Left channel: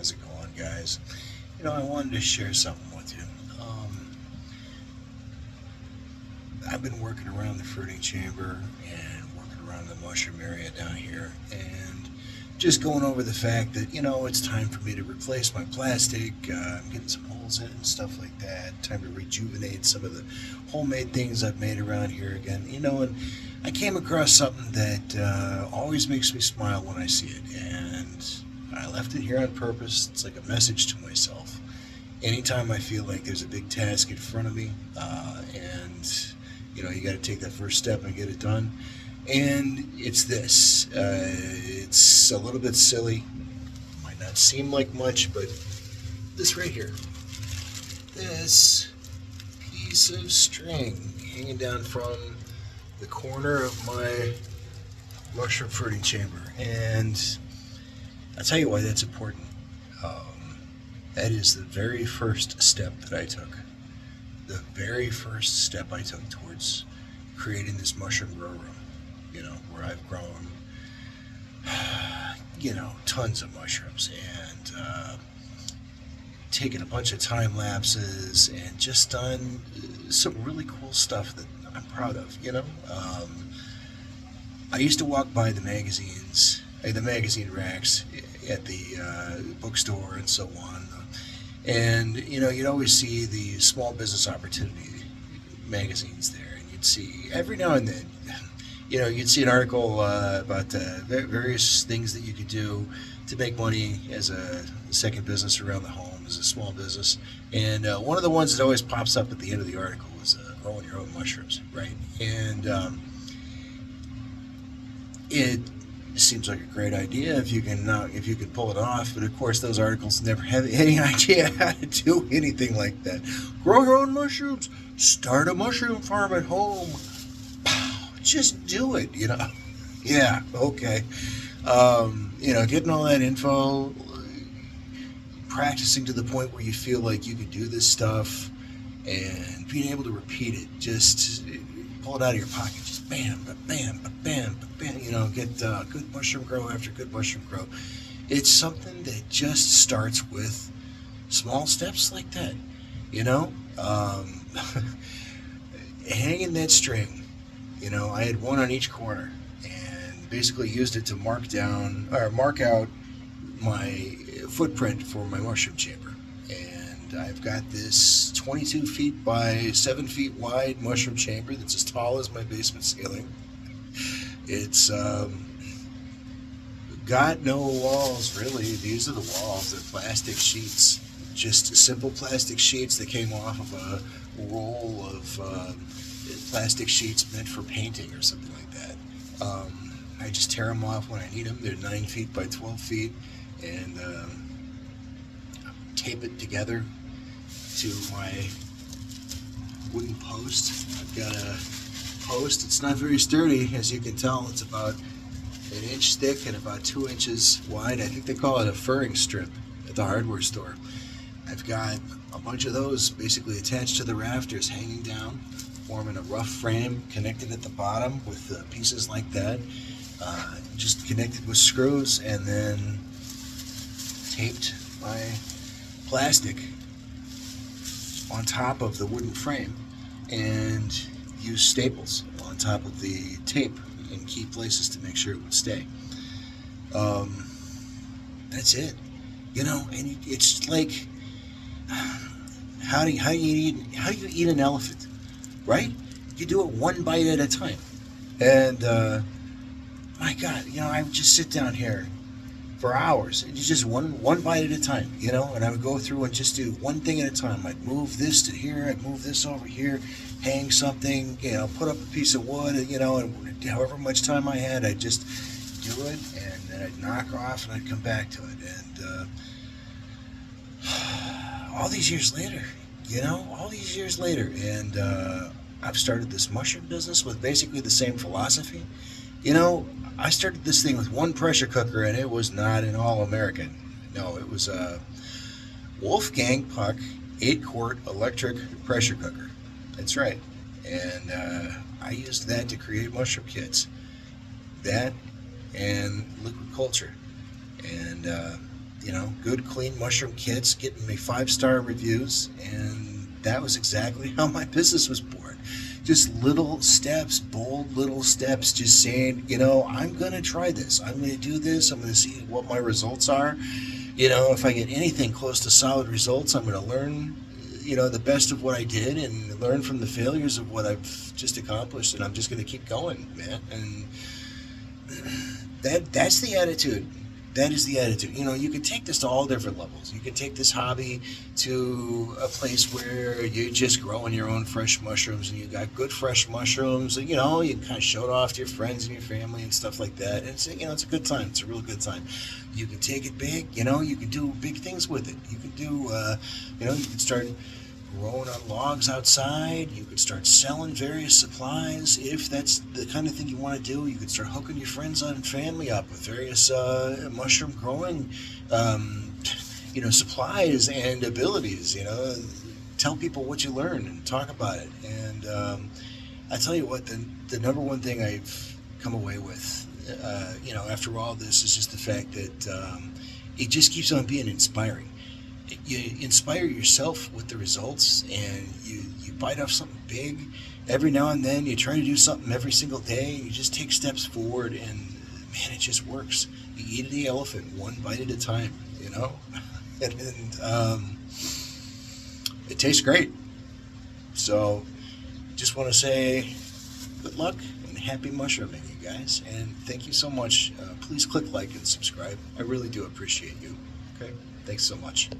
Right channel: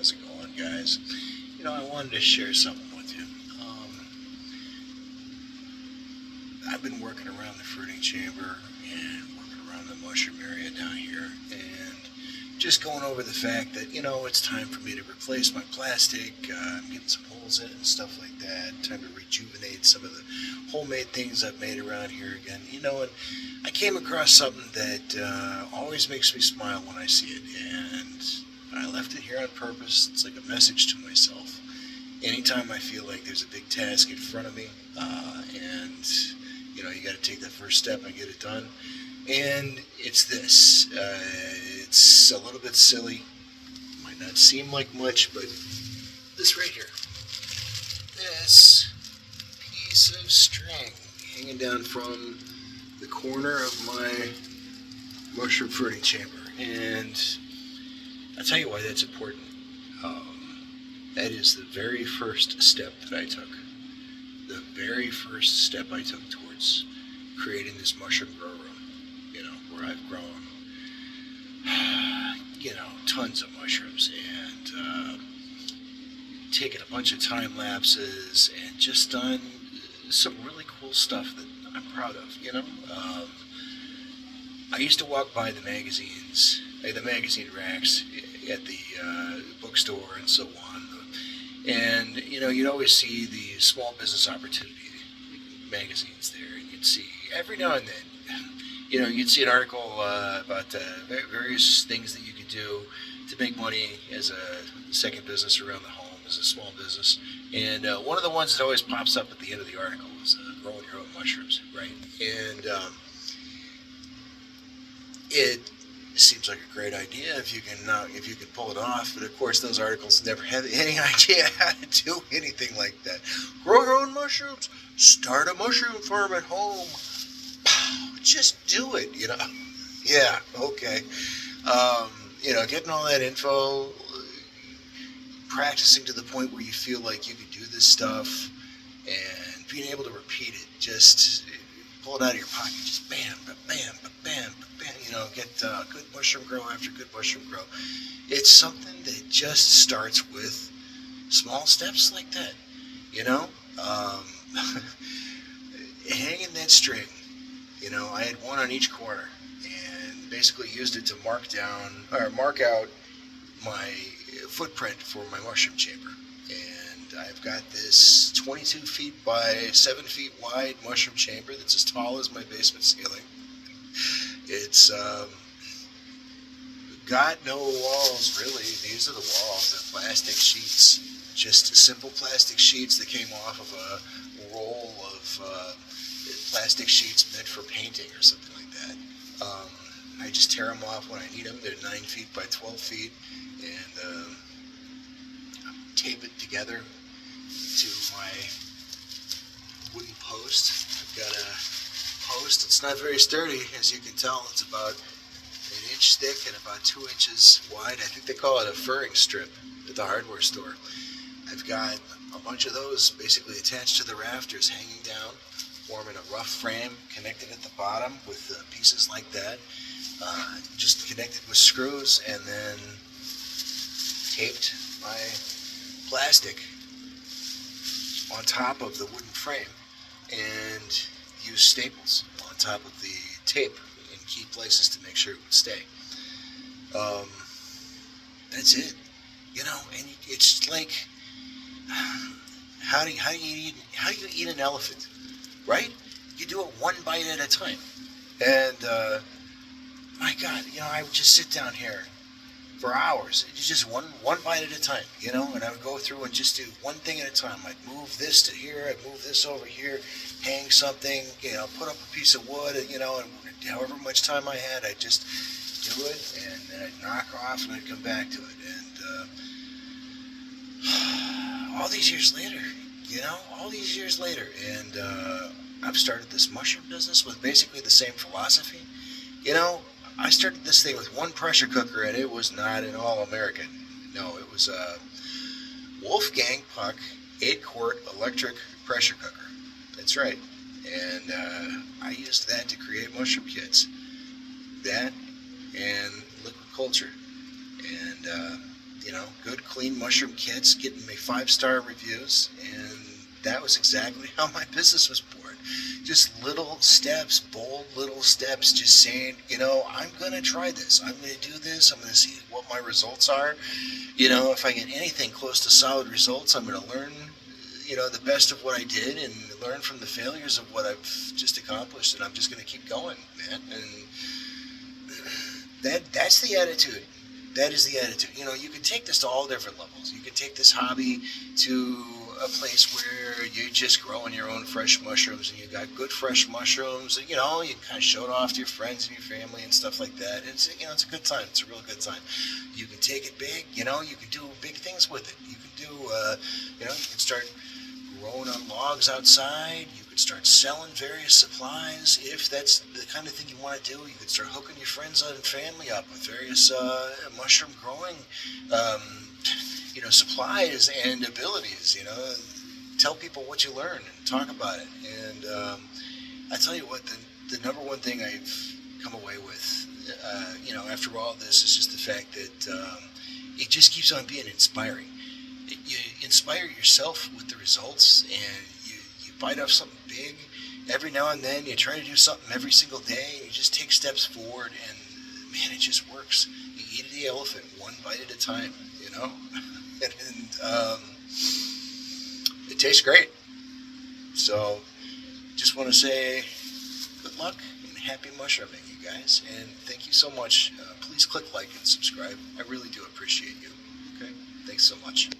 How's it going, guys? I wanted to share something with you. I've been working around the fruiting chamber and working around the mushroom area down here, and just going over the fact that it's time for me to replace my plastic. I'm getting some holes in it and stuff like that. Time to rejuvenate some of the homemade things I've made around here again. And I came across something that always makes me smile when I see it, and I left it here on purpose. It's like a message to myself. Anytime I feel like there's a big task in front of me, and you got to take that first step and get it done. And it's this. It's a little bit silly. Might not seem like much, but this right here. This piece of string hanging down from the corner of my mushroom fruiting chamber. And I'll tell you why that's important. That is the very first step that I took. The very first step I took towards creating this mushroom grow room, where I've grown, tons of mushrooms and taken a bunch of time lapses and just done some really cool stuff that I'm proud of, I used to walk by the magazines, the magazine racks at the bookstore and so on. And, you'd always see the small business opportunity magazines there, and you'd see every now and then, you'd see an article about various things that you could do to make money as a second business around the home, as a small business. And one of the ones that always pops up at the end of the article is growing your own mushrooms, right? And it seems like a great idea if you can pull it off, but of course those articles never have any idea how to do anything like that. Grow your own mushrooms, start a mushroom farm at home. Just do it, Yeah, okay. Getting all that info, practicing to the point where you feel like you could do this stuff, and being able to repeat it, just pull it out of your pocket, just bam, bam, bam, bam, get good mushroom grow after good mushroom grow. It's something that just starts with small steps like that, hanging that string. I had one on each corner, and basically used it to mark out my footprint for my mushroom chamber. And I've got this 22 feet by 7 feet wide mushroom chamber that's as tall as my basement ceiling. It's got no walls, really. These are the walls. They're plastic sheets, just simple plastic sheets that came off of a roll of plastic sheets meant for painting or something like that. I just tear them off when I need them. They're 9 feet by 12 feet, and tape it together to my wooden post. I've got a post. It's not very sturdy, as you can tell. It's about an inch thick and about 2 inches wide. I think they call it a furring strip at the hardware store. I've got a bunch of those basically attached to the rafters, hanging down, forming a rough frame connected at the bottom with pieces like that, just connected with screws, and then taped my plastic on top of the wooden frame, and used staples on top of the tape in key places to make sure it would stay. That's it, and it's like, how do you eat an elephant? Right? You do it one bite at a time. And, my God, I would just sit down here for hours. It's just one bite at a time, and I would go through and just do one thing at a time. I'd move this to here, I'd move this over here, hang something, put up a piece of wood, and however much time I had, I'd just do it, and then I'd knock off and I'd come back to it. And, all these years later, and I've started this mushroom business with basically the same philosophy. I started this thing with one pressure cooker, and it was not an all-American. No, it was a Wolfgang Puck 8-quart electric pressure cooker. That's right. And I used that to create mushroom kits. That and liquid culture. And good clean mushroom kits, getting me 5-star reviews, and that was exactly how my business was born. Just little steps, bold little steps, just saying, I'm going to try this. I'm going to do this. I'm going to see what my results are. If I get anything close to solid results, I'm going to learn, the best of what I did and learn from the failures of what I've just accomplished. And I'm just going to keep going, man. And that's the attitude. That is the attitude. You can take this to all different levels. You can take this hobby to a place where you're just growing your own fresh mushrooms and you got good fresh mushrooms. And, you can kind of show it off to your friends and your family and stuff like that. And it's a good time. It's a real good time. You can take it big. You can do big things with it. You can do, you can start growing on logs outside. You could start selling various supplies. If that's the kind of thing you want to do, you could start hooking your friends and family up with various mushroom growing supplies and abilities. Tell people what you learn and talk about it. And I tell you what, the number one thing I've come away with after all this is just the fact that it just keeps on being inspiring. You inspire yourself with the results, and you bite off something big. Every now and then you try to do something every single day, and you just take steps forward, and man, it just works. You eat the elephant one bite at a time, and it tastes great. So just want to say good luck and happy mushrooming, you guys, and thank you so much. Please click like and subscribe. I really do appreciate you. Okay, thanks so much.